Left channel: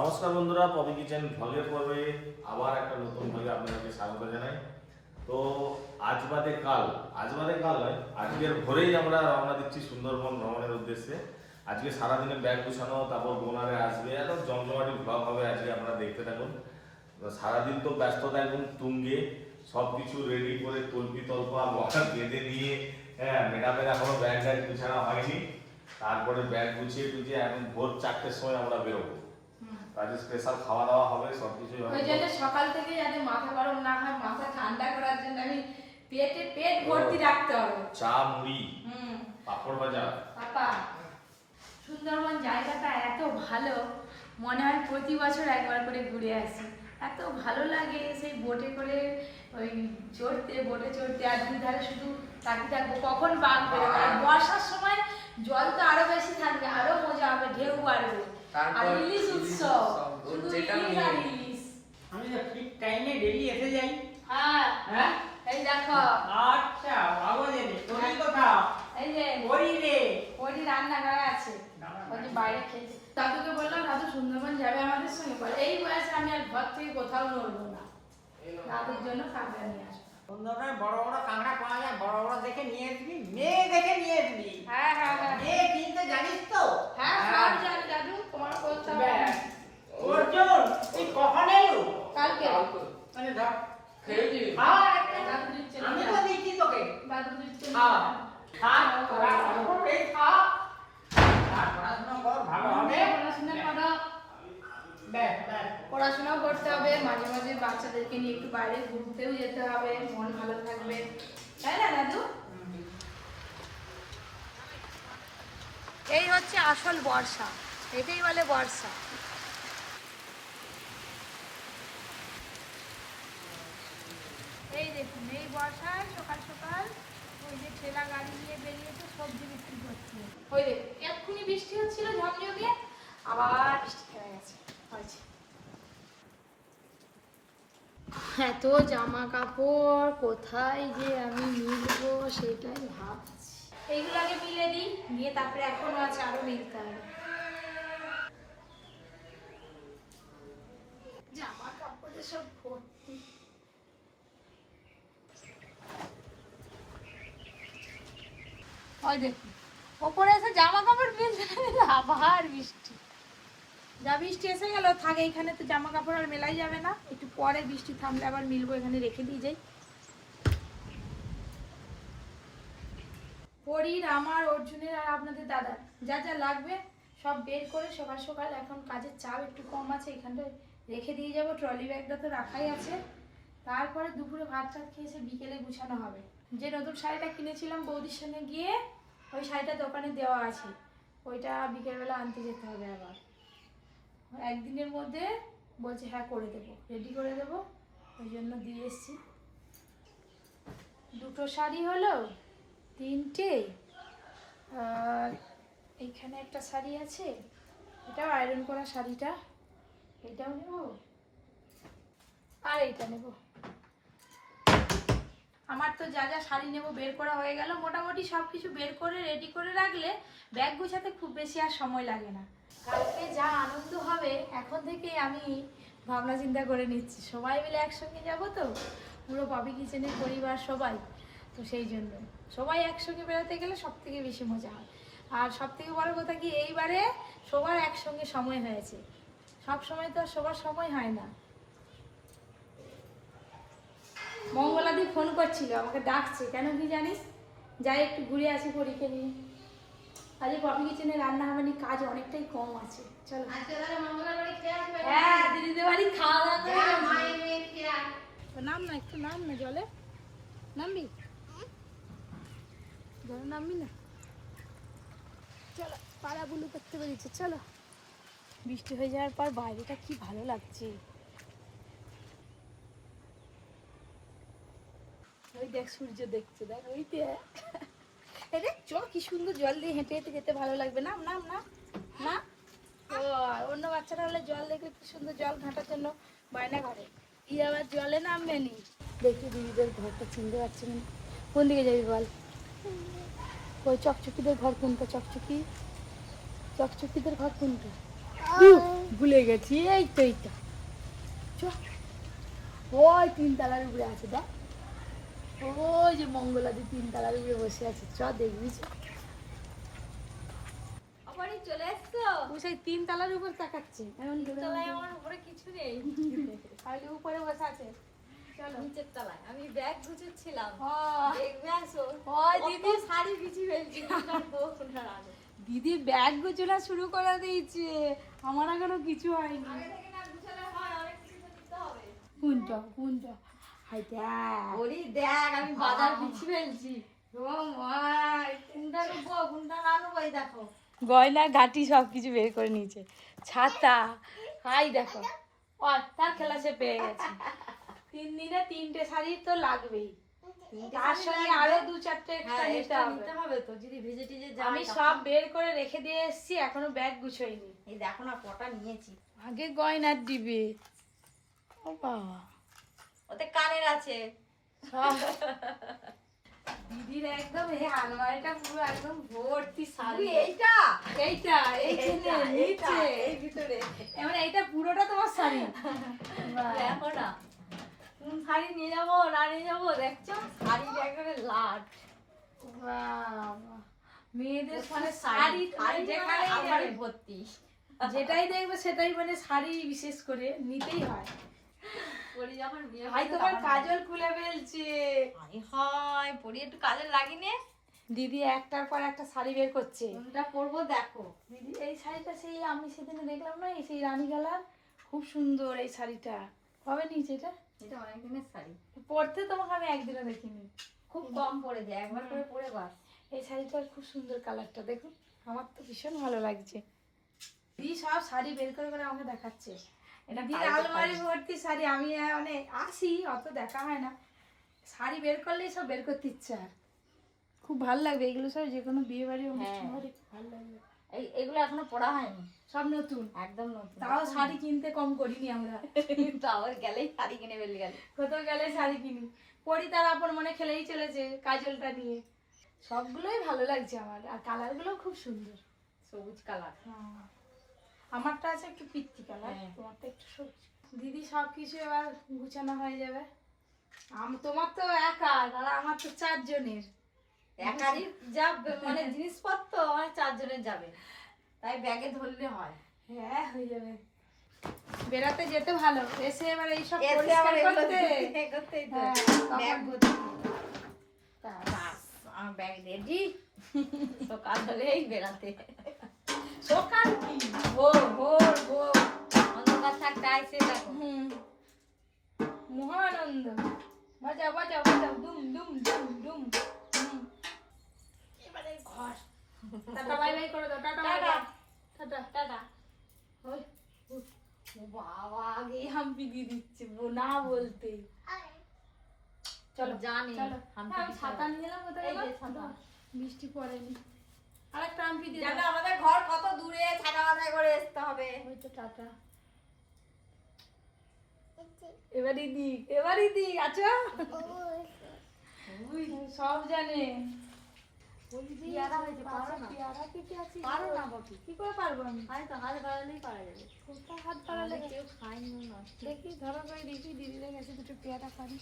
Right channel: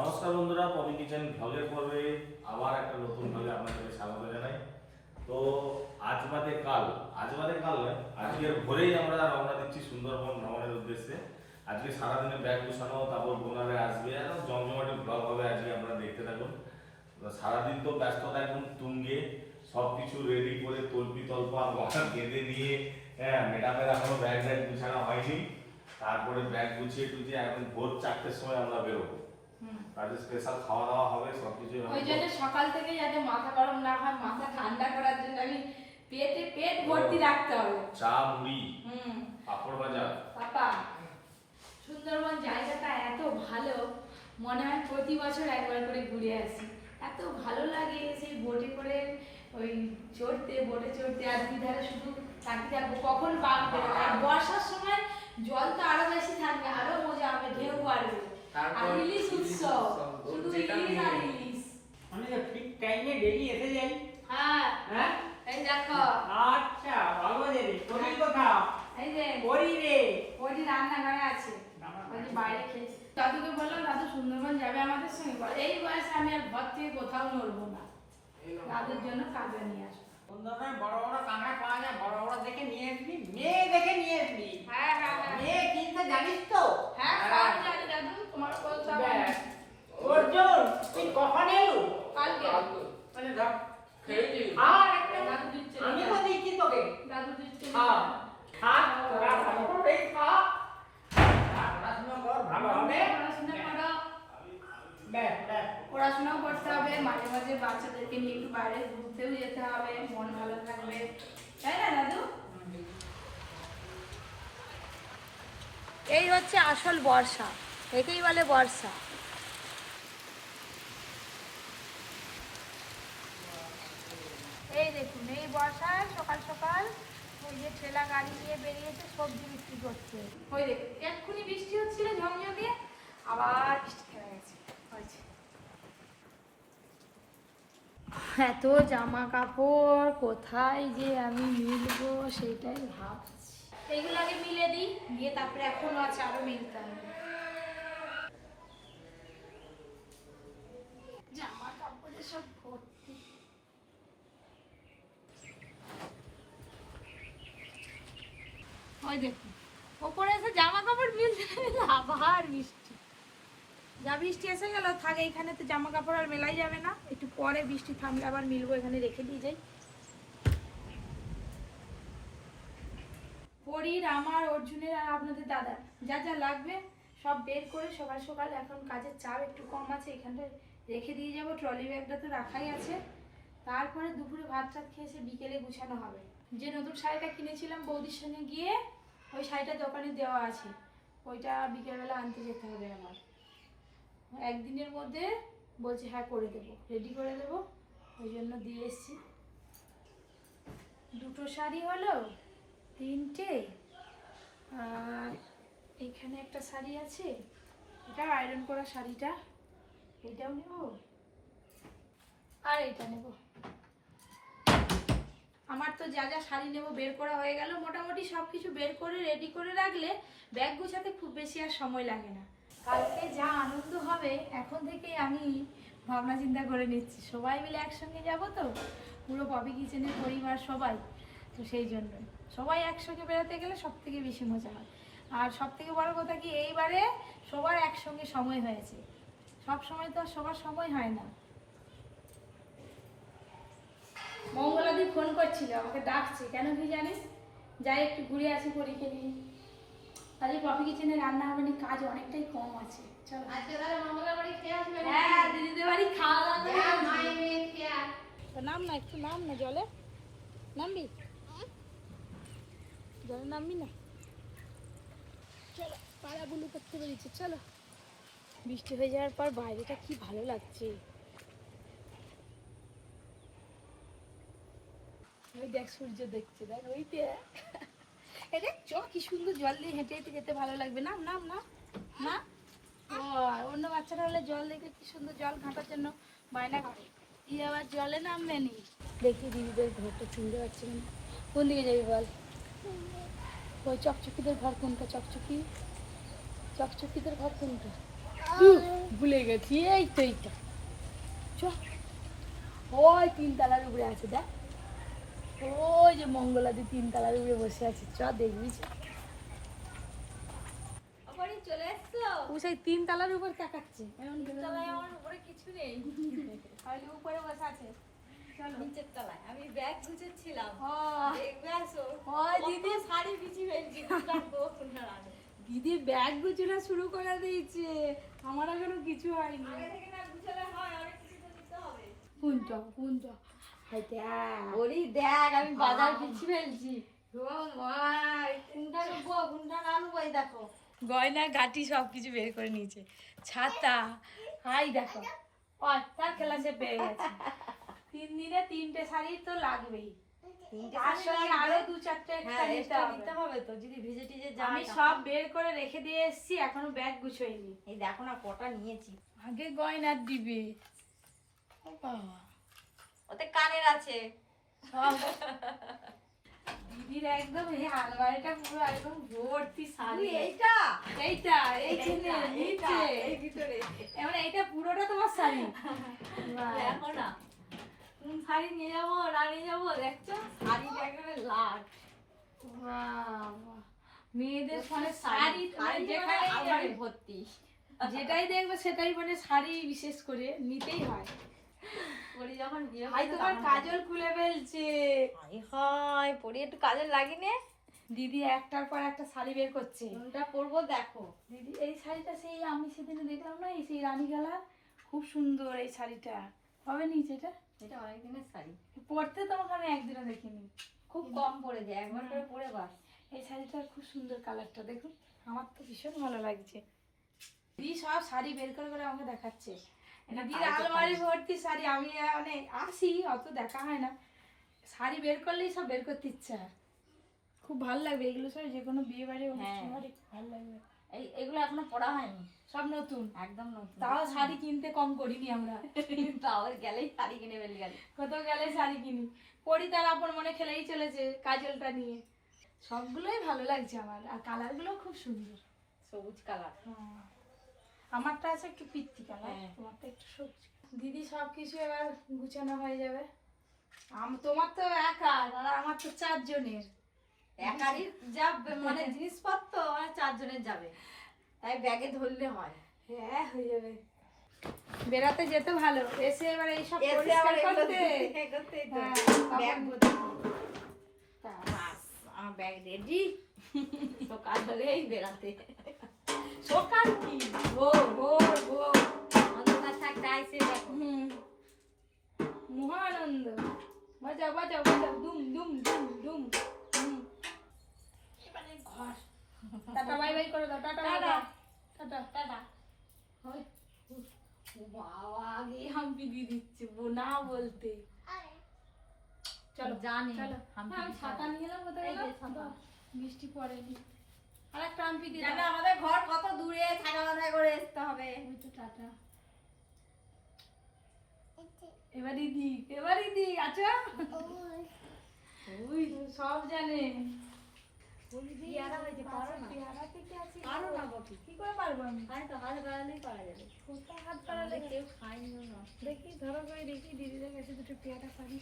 নমস্কার বন্ধুরা, poppy kitchen ভ্লগের পর্বে আবার একটা নতুন ভ্লগে আপনাদেরকে স্বাগত জানাই। তো আজ বাদে কাল নয়, আজকের ভোরেই আমরা রওনা দিচ্ছি সুন্দরবন ভ্রমণের উদ্দেশ্যে। আজকে সারাদিনে ব্যাগ গুছানো, তারপর বোনারে আসবে, আর জমজমাটি ভ্লগ হবে আজকে, আপনারা দেখতে থাকুন। সারাদিন তো ব্যস্ততা একদম তুঙ্গে, সব কিছু রেডি করে তল্পি তল্পা বেঁধে নিয়ে, হ্যাঁ, ম্যাডামের এখনো ব্যাগ গুছানো হয়নি। তারপরে ব্যাগ গুছিয়ে টুছিয়ে এখন ভোর 4টের সময় আমরা বেরোবো। কাজে স্পেশাল খাওয়া দাওয়া হবে, সবকিছু হবে। ওই জন্য সকাল থেকে যাতে মাথা গরম না হয়, মাথা ঠান্ডা করার জন্য আমি পেট ভর্তি রাখতে হবে। চা, মুড়ি, পাপড় ভাজা। পাপা, সুন্দরবন জায়গাটা এত ভালো, মনে হয় প্রতি বছর একবার করে ঘুরে আসি। এত ভালো লাগে সেই বোটে করে ওই বোটে চড়তে, আর দুই ধারে শুধু তাকিয়ে থাকবো কখন বাঘ বেরোবে। আর বর্ষার সময় জল তো আরো বেশি থাকবে, আরো মজা হবে, ঢেউ বাড়বে। আর ইলিশ উৎসব, শুধু ইলিশ আর ইলিশ। আমি তো ঠিক টাইমে ডেলি এসে যাই। হ্যাঁ হ্যাঁ, এই দেখো। আচ্ছা বাবা দেবে কোথায় কোথাও এই যে ওরি রে ওরি রান্না করা আছে, আমি বাইরে খেয়েছি। দাদুকে বললাম দাদু সুন্দরবন যাবে আমাদের সঙ্গে, বলে এই বয়সে আমি আর ঘর থেকে কোথাও নড়বো না, দাদুর জন্য কাঁকড়া নিয়ে আসবো। সুন্দরবনে বড় বড় কাঁকড়া পাওয়া যায়, বড় বড় দেখে নিয়ে আসবি, মেয়ে দেখে নিয়ে আসবি। হ্যাঁ হ্যাঁ হ্যাঁ মেয়ে কিনতে জানিস তো? হ্যাঁ সব জানি দাদু, তোমার বলতে হবে না। অর্জুন তুই কখন এলো? কালকে মানে ধর খেয়েছি। দাদু দিচ্ছে, আমি তো দিচ্ছি তোকে। দাদু দিচ্ছে। হ্যাঁ খা তোরা এই খা আর পড়াশোনা কর, ভালো হবে। পড়াশোনা করো, ব্যাস ব্যাস পড়াশোনাও করতে হবে, মাঝে মাঝে বাচ্চাদেরকে নিয়ে একটু বাইরে ঘুরতেও যেতে হবে, মন ভালো থাকবে, তাই না দাদু? এই হচ্ছে আসল বর্ষা, একেই বলে বর্ষা। এই দেখুন, এই বর্ষায় সকাল সকাল ওই যে ঠেলা গাড়ি নিয়ে বেরিয়েছে সবজি বিক্রি করছে। ওই দেখুন, এক্ষুনি বৃষ্টি হচ্ছিল ঝমঝমিয়ে, আবার বৃষ্টি হয়ে গেছে, হয়েছে। এত জামা কাপড় কোথায় যে আমি মিলবো সেটাই ভাবছি। এইগুলো আগে মিলে দিই, দিয়ে তারপরে এখনো আছে আরো মিলতে হবে। জামা কাপড়ে সব ভর্তি। ওই দেখুন, ওপরে এসে জামা কাপড় মিলতে আবার বৃষ্টি। যা বৃষ্টি এসে গেল, থাকে এখানে তো জামা কাপড় আর মেলাই যাবে না, একটু পরে বৃষ্টি থামলে আবার মিলবো, এখানে রেখে দিয়ে যাই। পরীর, আমার, অর্জুনের আর আপনাদের দাদার যা যা লাগবে সব বের করে সকাল সকাল, এখন কাজের চাপ একটু কম আছে, এখানটায় রেখে দিয়ে যাবো। ট্রলি ব্যাগটা তো রাখাই আছে, তারপরে দুপুরে ভাত টাত খেয়ে এসে বিকেলে গুছানো হবে। যে নতুন শাড়িটা কিনেছিলাম বৌদির সঙ্গে গিয়ে, ওই শাড়িটা দোকানে দেওয়া আছে, ওইটা বিকেলবেলা আনতে যেতে হবে আবার। একদিনের মধ্যে বলছে হ্যাঁ করে দেবো, রেডি করে দেবো, ওই জন্য দিয়ে এসছি। দুটো শাড়ি হলো, 3টে, আর এইখানে একটা শাড়ি আছে, এটাও আয়রন করা শাড়িটা, এটাও নেব, আর এইটা নেব। আমার তো যা যা শাড়ি নেব বের করা হয়ে গেল, মোটামুটি সব কিছু বের করে রেডি করে রাখলে ব্যাগ গুছাতে খুব বেশি আর সময় লাগে না। কালকে যা আনন্দ হবে এখন থেকেই আমি ভাবনা চিন্তা করে নিচ্ছি, সবাই মিলে একসঙ্গে যাব তো, পুরো পপি কিচেনের পরিবার সবাই, তো সেই জন্য সবাই একসঙ্গে বেরোতে গেলে সব থেকে বেশি মজা হয়। আর সব থেকে বড় কথা কি, এইবারে সবার একসঙ্গে সময় হয়েছে, সব সময় তো সবার সময় হয় না। মঙ্গলাদি ফোন করছিল, আমাকে ডাকছে, কেন কি জানিস, যাই একটু ঘুরে আসি পরীকে নিয়ে। আজকে পপি কিচেনে রান্না হবে না, কাজ অনেকটাই কম আছে, চলো। হ্যাঁ, দিদিদের বাড়ি খাওয়া দাওয়া তো নাম না, একটু নাম না, জলে নামবি, জলে নামবি না, চলো। পাড়া বুলু করতে বেরিয়েছে, চলো। বৃষ্টি হয়ে যাওয়ার পর বাইরেটা কি ভালো লাগছে। ওই দেখ সূর্য দেখছে, দেখ ওইতে, আরে চ, কি সুন্দর জল দিয়ে হেঁটে হেঁটে যেতে ভালো লাগবে। নাম নাম না না, ও অন্য বাচ্চারা হলে জল দেখে কি সুন্দর জল ঘাঁটার জন্য বায়না করে, ই আবার জলে নামবে নি। দেখি দিদিদের ঘরটা চিনতে পারছি না, কোন দিকে যাবি বল? ওই চকচকিদের ঘর কোনটা? চকচকিদের ঘর কোনটা? ভুলে গেছি, এই তো এইটা। চ, ওই 3 তলার উপরে আছে দেখ, ওই যে মঙ্গলাদি 3 তলার উপরে বসে আছে, চ দেখবি। চলে এসছো? তুমি সেই 3 তলার উপর তাকাচ্ছে, এমন করে তলায় আমার উপরে কিছু নেই, খালি উপরে বসে আছে। চলো নিচের তলায় আমি ব্যাগ গুছাচ্ছিলাম। হ্যাঁ। দেখবে আসো, ওই দিদি শাড়ি বিছি ফেলছি দোকান বন্ধুরা আগে। দিদি ব্যাগ গুছানো শুরু করে দিয়েছে, আমার এখনো কিছু হয়নি। আগে থেকে না গুছালে হয়, অনেক কিছু তো দিতে হবে। কোনটা হাই দেখ, ওরে দেখ আমি বাজার বিছি ফেলছি। কোনটা নেবো কোনটা না নেবো, এই দেখো গয়না গাটি সব কিছু বের করে নিয়েছে, ছাতা, হাই দেখো। তার খেলা সে পেয়ে গেছে। 3 দিনে 3টে শাড়ি তো লাগবেই, তার সঙ্গে আরো 2-4টে হ্যাঁ, extra এটা নিতে নিতে হবে। হবে তো, যদি ভিজে টিজে যায়। আমি সব বের করে রেখে দিয়ে এসেছি, এখনো ব্যাগ গুছোইনি। এই দেখো না কটা নিয়েছি। আগে গয়নার দিবে, ও বাবা ওতে কানের আছে। দিদির একদম এই আলমারিটা পুরো একদম ভর্তি শাড়ি। এইটা এইটা এইখানে এইটা, নিচে এই ভিতরে এবার এইটা পুরোটা তোমার শাড়ি। বাহ। দেখো না কোন শাড়ি নিয়ে যাবো না নিয়ে যাবো, দেখছো শাড়ি একেবারে লাট। বাবা, মেয়েদের মানে শাড়ি মানে যেখানে আমারই ভর্তি। যেটাই দেখবে সেটাই মানে শাড়ি বিশেষ করে নিতেই হয়। পরি যখন বিয়ে ভাই তোমার কাজল খুলে ফেলছে। হয় পরি একটু কাজে লাগিনে। দিদি একটার পর একটা শাড়ি বের করছে। কোনটা পরবো দেখো। দিদি এই শাড়িটা সেই আমি সেদিনে দেখলাম না, এই সেই রানী কালার, খুব সুন্দর এই শাড়িটা। কবে নিয়েছে এটা? এটা অনেক দিনের শাড়ি, পরতে তোমাকে আমি একদিনও দেখিনি। খুব কম পরে যায়, একবার করে পরে বাস। এই শাড়িটার খুব সুন্দর কালারটা দেখুন, আমার তো ভীষণ ভালো লাগছে। দিদি সব শাড়ি বের করে করে আমাকে দেখাচ্ছে। এটা দিদির তাই তো আলমারি শাড়ি। ভর্তি শাড়ি, আমি মানে আসি অত দেখা হয় না, শাড়ি বের করলেই সব বের করতে ইচ্ছে হয়। খুব ভালো লাগবে এগুলো সব, যে কোনো বিয়ে বাড়ি অনুষ্ঠান হ্যাঁ। বাড়ি ভালো লাগবে। এগুলো এখনো পরা হয়নি, সব নতুন, একদম নতুন। তাও শাড়ি কিনতে কম করিনি আমরা। আবার গেলেই শাড়ি কিনে ফেলি গেল। কোথাও গেলে শাড়ি কিনি, পরি তার আপন মনে খেলেই চলেছে কাজলটা নিয়ে। সবগুলোই ভালো লাগছে আমার, আর কালারগুলোও খুব সুন্দর। সবুজ কালার। হ্যাঁ। আমারটা আছে একটু পিত্তি কালার, হ্যাঁ। তোমারটা একটু সবুজ। দিদি সব কিছু এবার গুছানো হয়ে যাবে। তোমার তো একা, আর আমার তো 4 জনের। একারই যা মানে জিনিসপত্র আমার 4 জনের যাবে, তাই ব্যাগে ধরলে হয়। হ্যাঁ হয়ে যাবে। বেড়াতে যেতে ভালো, এসে এবার এইসব এসে পরিষ্কার আবার এগুলো করতে। করতেই তো। হ্যাঁ, ব্যাগ তখন- ভর্তি। তা, বাস, আমার ব্যাগ রেডি, সকাল হলেই বেড়াতে। সকাল কি ভোর ভোর ভোর। অন্ধকার থাকতে আইসে দেখো। হুম, মহানন্দ, মজা মজা মজা, দুম দুম দুম দুম হুম। এবারে ঘর। টাটা বাই বাই করে দাও, tata bye bye. Tata tata. ওই, ও বাবা আগে হাম্পি দিয়ে দিচ্ছে না বলতে। চলো জানি, চলো। হাম্পি হ্যাঁ, আমি দিতে ছাতা হবে। নিয়ে এলাম, কোথায় এই যে গেল? ছাতা। বাহ, বৃষ্টি পড়েনি। আর একটা হাম্পি দিয়ে জানো দাও। আমাদের ঘর কত দূরে, ছাতা মাথায় করে আসতে হবে। ওই তো টাটা। এবারই দিক, এবারই দিক, আচ্ছা ওই সব জানে। পেয়ারা হয়েছে, পারো না? পেয়ারাতে কি আছে? পারো না বাপি। কি করে পারবো আমি? আমি তো হাত বাড়ালেই পারা যাবে। কোথায় হাত বাড়ালে? আমাদের কেউ খায়নি না। দেখি ধরো করে দেখি, দিদিদের কাছে দুটো পেয়ারা পারি।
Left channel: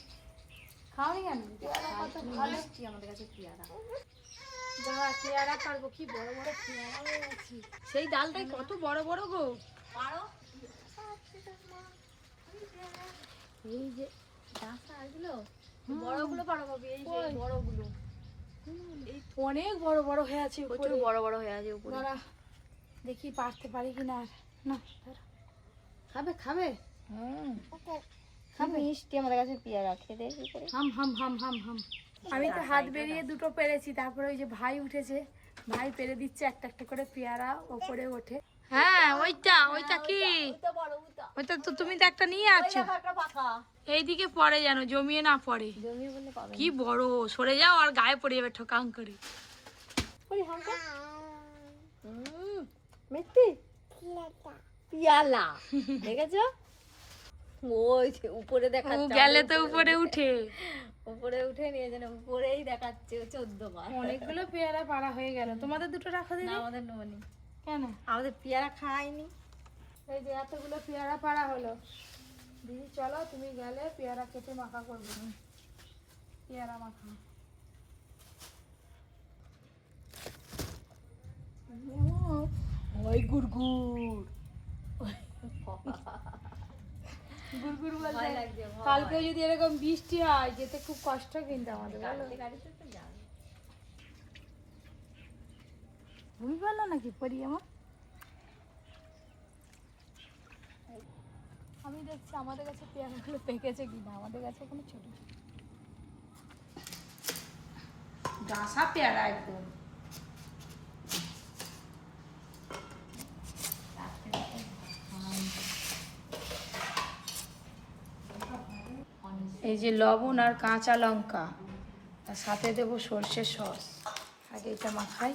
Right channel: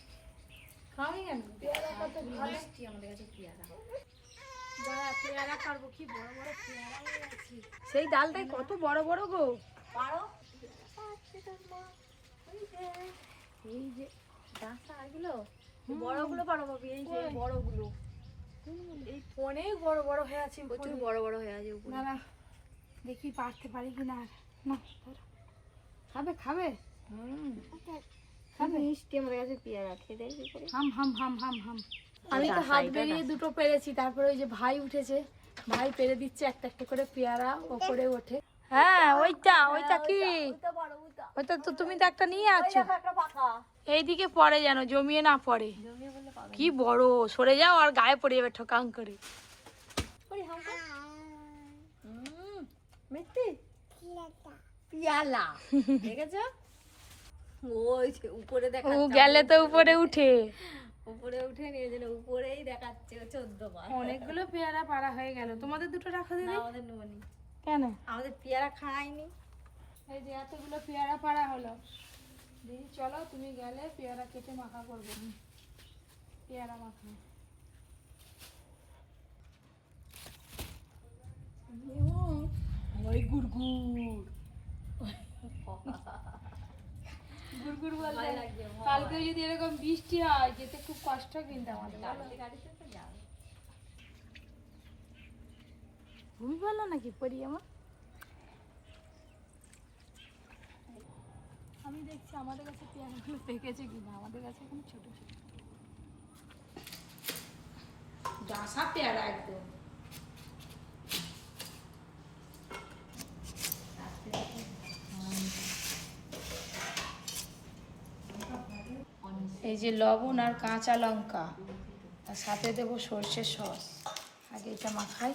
খাওয়াই কেন? পেয়ারা কত ভালো। মিষ্টি আমাদের কাছে পেয়ারা। দাঁড়া, পেয়ারা পারবো, কি বড় বড় পেয়ারা হয়ে গেছে। সেই ডালটাই কত বড় বড় গো। পারো? এই যে বাসা আগলো বড়গুলো পারো বাপি, এই যে ওই। বড়গুলো এই অনেক বড় বড় হয়ে আছে প্রচুর উপরে। বড় বড় হয়ে আছে উপরে। দাঁড়া দেখি পারতে পারি কিনা। আর না ধরো। খাবে খাবে খাবে মিষ্টি আমাদের কাছে পেয়ারা, খেতে কি করে? হাম হাম হাম হাম হাম। আমি তো হাত বেরিয়ে দুটো পেরেছি, তারপরে ওই যে ভাই উঠেছে, ভাই পেরে দিচ্ছে একটা একটা করে পেয়ারা ওপরে ওঠে। হ্যাঁ ওইটা, ওইটা কি? ওইটা বড়, ওইটা ওইটা তো তুমি তো একটা নিয়ে আছো। একটা পাকা এইদিকে পড়ে যেন জমিয়ে না পড়ে। জমি বলে পাবে। কি বড়, সরে যাও আর গায়ে পড়ে যাবে ঠকাং করে। ওই হালকা মিষ্টি পেয়ালা দেখেছো? ওই যে উপরে ও দেখাচ্ছে, গেলে তো উপরে উঠে। উপরে উঠে নিয়ে যেন উপরেই দেখাচ্ছে 14 বার। অনেকগুলো পেয়ারা পাড়া হয়ে গেল। তোমাদের দুটো রাখো না, দিদি। আমাদের নোনি, কেন? আমাদের পেয়ারা খাইনি। এই যে এতগুলো পেয়ারা পাড়া হলো। দিদি চলো, তুমি গেলে পেয়ারা কেটে মাখা করবে। পেয়ারা মাখা ওই গুড়গুড় গুড়গুড় বলতে ভয় লাগছে, ভয়। কালকে যদি এরকম বৃষ্টি হয় যেতে খুব কষ্ট কিন্তু আমাদের, বলো। গাড়িতে তো যাবে। ঘুমি পারলো নাকি পরি আমার? আমি দেখছি আমাদের কাছে পেয়ারাগুলো পেকেছে কিনা। আমাদের কাছে কোনো ছোট ডাসা পেয়ারা একদম। এই যে লবণ আর কাঁচা লঙ্কা, আর সাথে দেবো সর্ষের সস, আর এটা মাখাই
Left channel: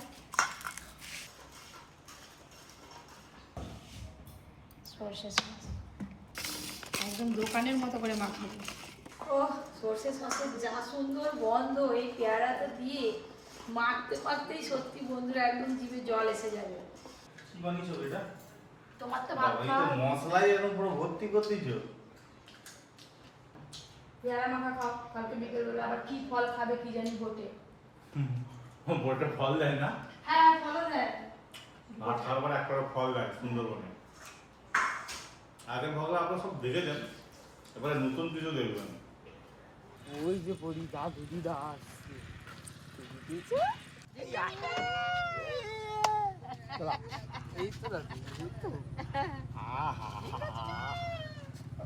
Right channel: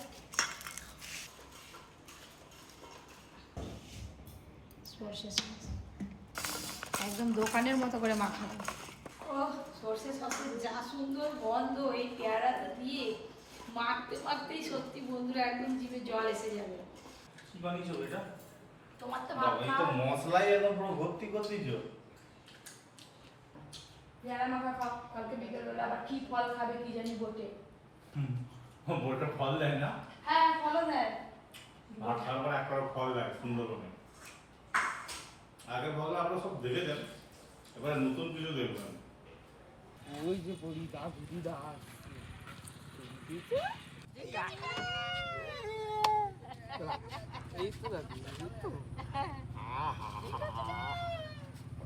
সর্ষের সস, একদম দোকানের মতো করে মাখাই। ও সর্ষের সসের যা সুন্দর গন্ধ এই পেয়ারাটা দিয়ে মাখতে মাখতেই সত্যি বন্ধুরা একদম জিভে জল এসে যাবে। কি বানিয়েছো এটা? তোমার তো ভাত বাবা, এই তো খাওয়া মশলাই একদম পুরো ভর্তি করে দিয়েছো। পেয়ারা মাখা খাও, কালকে বিকেলবেলা আবার কি ফল খাবে কি জানি বটে। বটে ফল দেয় না? হ্যাঁ ফলও দেয়। ভাত খাওয়ার একবার ফল দেয় সুন্দরবনে। আগে ভাবলে আপনারা সব দেখেছেন, এবারে নতুন কিছু দেখবেন। ওই যে পড়ি দাদু দিদা আসছে। এই তো দাদু, এই তো।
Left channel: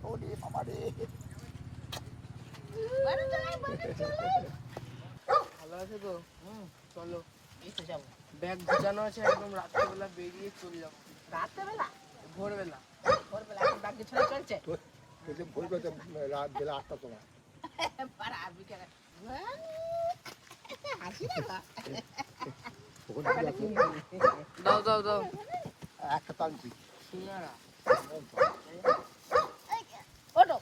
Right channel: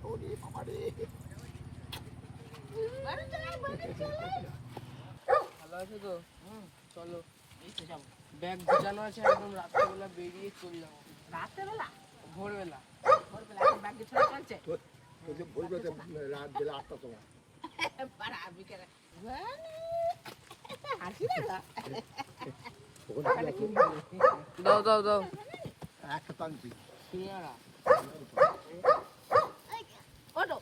ওরে বাবা রে। ভালো আছে তো? চলো। এই তো যাবো। ব্যাগ গুছানো আছে, একদম রাত্রেবেলা বেরিয়ে চলে যাবো। রাত্রেবেলা? ভোরবেলা। ভোরবেলা এখন বাকি ছোড়া চলছে? রাত বেলা 8টার সময় পাড়া বিকেলে। হাসি না? দাও দাও দাও। একটা টানছি সিঙ্গারা। ওটো।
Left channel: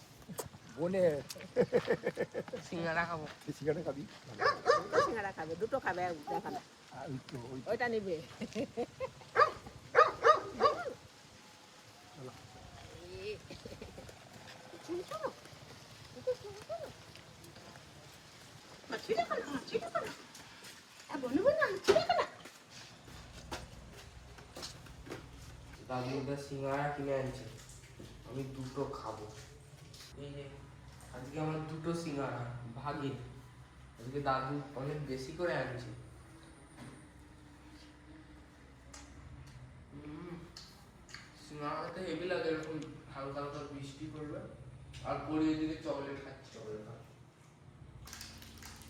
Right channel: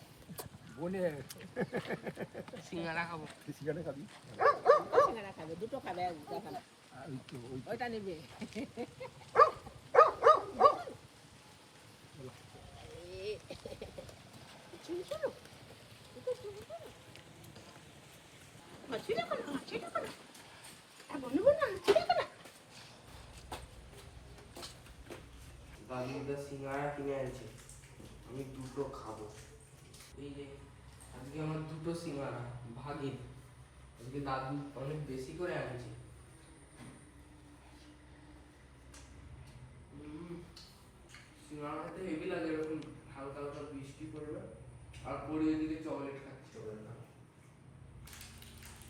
বনে সিঙ্গারা খাবো। সিগারেট খাবি সিঙ্গারা খাবে, দুটো খাবে, দেখা না। এই তো ওই ওইটা নিবে। দাদুটা সিঙ্গারা কিনে আনছে, আমি দুটো খাবো। এই যে আজকে আমার দুটো সিঙ্গারা ভাগে, আজকে দাদু অনেক বেশি করে আনছে। সিঙ্গারাতে হেভি লাগে, এরকম হালকা হালকা বৃষ্টি পড়বে আর পরে ওইদিকে চকলেট খাচ্ছি, চকলেট খা।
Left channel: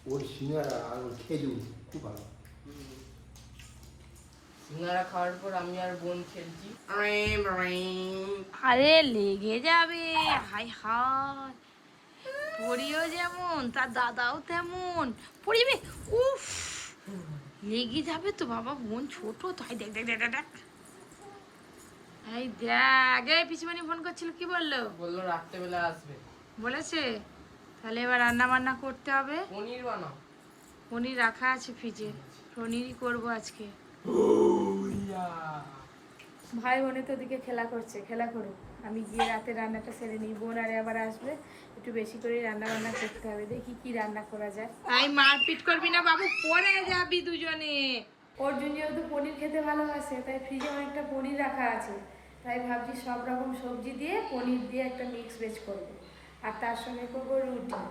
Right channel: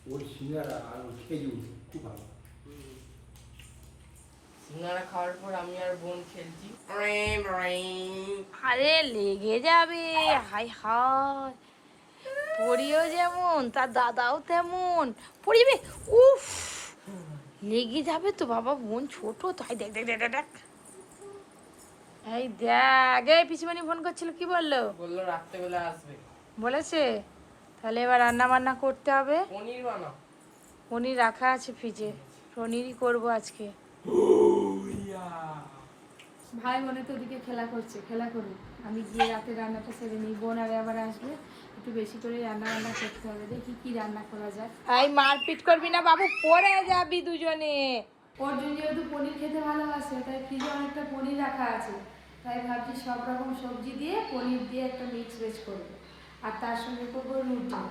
ওর সিঙ্গারা আর ওর খেজুর খুব ভালো। সিঙ্গারা খাওয়ার পর আমি আর বোন খেলছি। আরে লেগে যাবে, হাই হাই। পরিও যেমন তার দাদাও তেমন পরিবে। উফ, লেগে যাবে তো বাবা, বোন ছোট তাই। দেখ দেখ দেখ দেখ দেখ। এই দেখ, এই পিসিমণি ফোন করছিল, কি বললো? বললো রাত্রেবেলা আসবে। বলেছে? তাহলে এবার রান্না বান্না করতে হবে। পনির বানাও। পনির রাখা আছে ফ্রিজে, পনিরই করবো আজকে। ভাই বোনে তো ওদিকে খেলা করছে, খেলা করুক, আমি গিয়ে রাতে রান্নাটা সেরে নিই। বোন আরে আবার আসবে, একটু বেশি করে রান্না বান্না করতে হবে। দেখি কি রান্না করা যায়। এই মারপিট করবি না বাবু, পড়ে যাবি দুজনে। অর্জুন যেহেতু পনির খেতে ভালোবাসে, তাই ফ্রিজে অনেকটা পনির রাখা আছে। তাই ভাবছি সব রকম সবজি দিয়ে পনির দিয়ে একটা মিক্স ভেজ করবো, আর তার সঙ্গে করবো রুটি।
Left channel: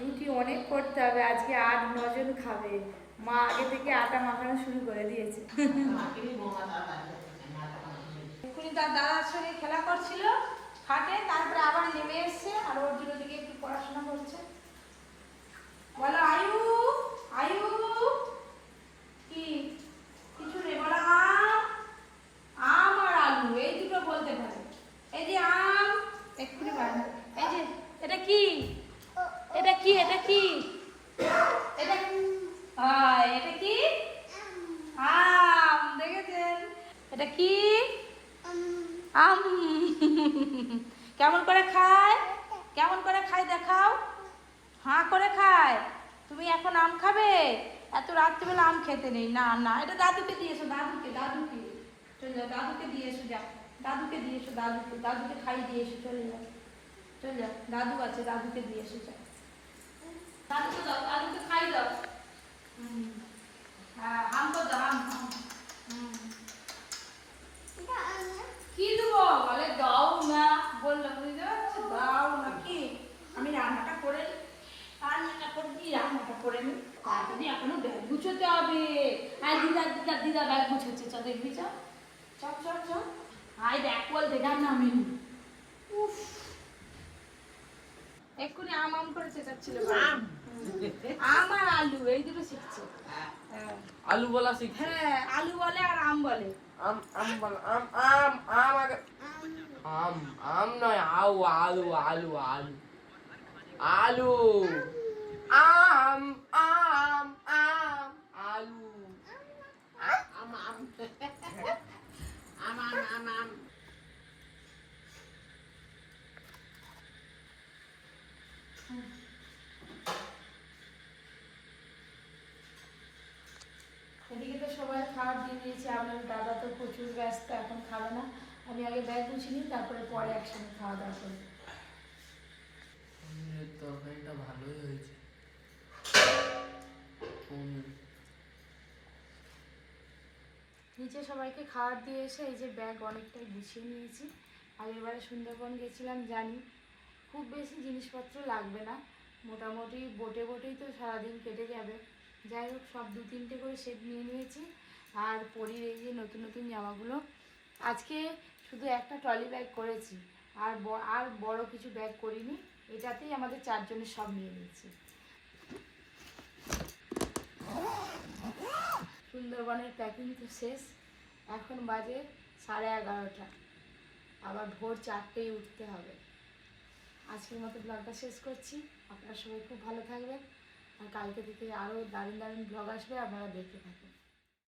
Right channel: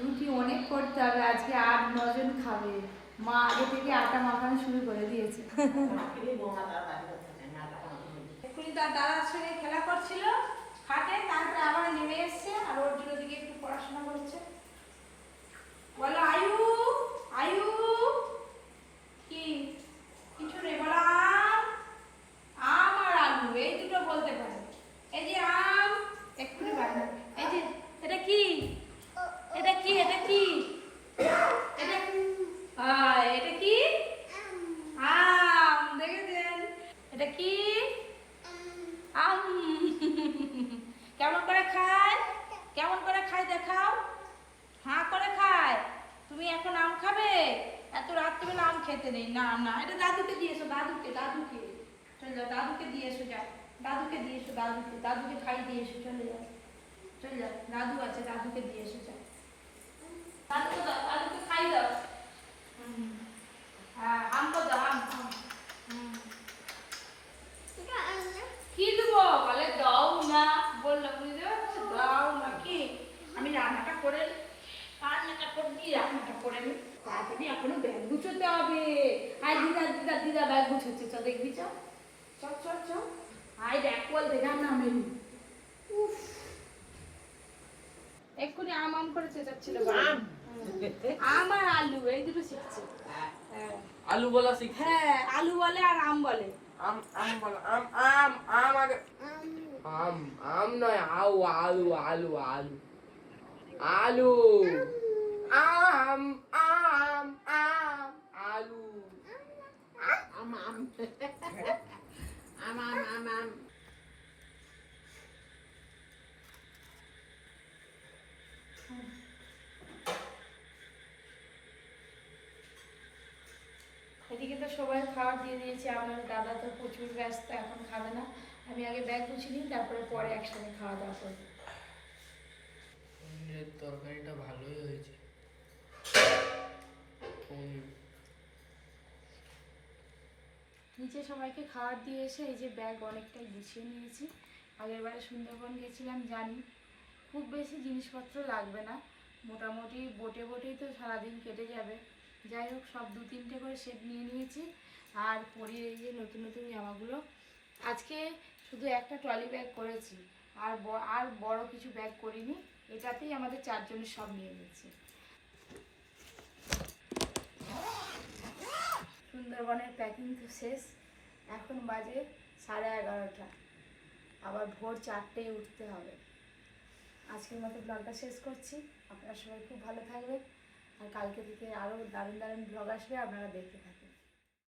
রুটি অনেক করতে হবে, আজকে 8-9 জন খাবে। মা আগে থেকে আটা মাখানো শুরু করে দিয়েছে। এক্ষুনি তার দাদার সঙ্গে খেলা করছিল খাটে, তারপরে আবার নেমে এসছে, আর ওর জন্য দিকে একটু পড়াশোনা করছে। বলো আয়ু, আয়ু। কি কিছু নেই, বলো আম। আম আর আলু এই দুটো বলতে পারে। এই যে আম, এক্ষুনি বাড়ি। এই যে এটা কি, এটা কি, এটা কি, এটা এটা কি? আম। দেখেছেন? এটা কি? আম। কেমন করে খায়, কেমন করে খায় দেখাও। হাঁ করে খায়। তুমি এখন আম খাবে? এত রাত্রিবেলা আম খেতে নেই। না না, এটা দাদুকে দিয়েছো, দাদুকে, দাদুকে চলে যাও, দাদুকে দিয়েছো, যাও। দাদুকে দিয়ে এসো, দাদুকে খাই দিয়ে এসো, চলে যাও চলে যাও, দাদু আছে, দাদুকে দিয়ে এসো, যাও দাদুকে দাও, দাদুকে খাই দাও। হ্যাঁ, আম তো দাও, আম কি দেবো বলে, দাও না বললাম, বুঝতে পারছো, দাও না কি আমি রান্নাটা করে নি, তাড়াতাড়ি এখনো ব্যাগ গুছোতে হবে। আর দিদা ব্যাগ গুছোচ্ছে, চ দেখবি, চ চ চ চ আয় দেখ বলতে গান নামেনি। উফ, এক্ষুনি আম আম করে চেঁচাচ্ছিল আম আর আলু এই দুটো শিখছে। হ্যাঁ আলু বলা শিখছে। হ্যাঁ, আলু বলে আর আম বলে। আম বলো, আম আগে। আম নয়, আলু আলু আলু আলু আম আলু এদিকে তো সবাই খাবার দিয়ে দিয়েছে, আপনার দাদা তো প্রচুর ব্যস্ত, এখন খাবে না। আমি আগে ব্যাগ গুছিয়ে নিই, তারপরে পরে একসঙ্গে খাওয়া দাওয়া করবো। পনিরের তরকারিটা ভালোই হয়েছে। নিচে সবাইকে খাবার দিয়ে এসে এই যে ব্যাগ অনেকটা গুছিয়ে নিয়েছি। আগের বারে সুন্দরবন গেছিলাম, জানি খুব বেশি জিনিসপত্র লাগবে না, মোটামুটি বোটেই তো সারাদিন কেটে যাবে। যাই হোক, সব 2-3টে করে সেট নিয়ে নিয়েছি। আর পরির এই যে নতুন নতুন জামাগুলো, আজকে শুধু একটা ট্রলি ব্যাগ করেছি, আর বড় কিছু ব্যাগ করিনি, এটাতেই আমাদের 4 জনের সব নিয়ে নিয়েছি। সুন্দরবনের প্যাকিং তো শেষ, এখন বাজে 11:30, আবার ভোর 4টেয় উঠতে হবে। আজকের মতো ব্লগটা শেষ করছি, আপনারা সবাই খুব ভালো থাকবেন, আর কালকে থেকে আরও দারুণ দারুণ ব্লগ আসবে, আপনারা দেখতে থাকুন।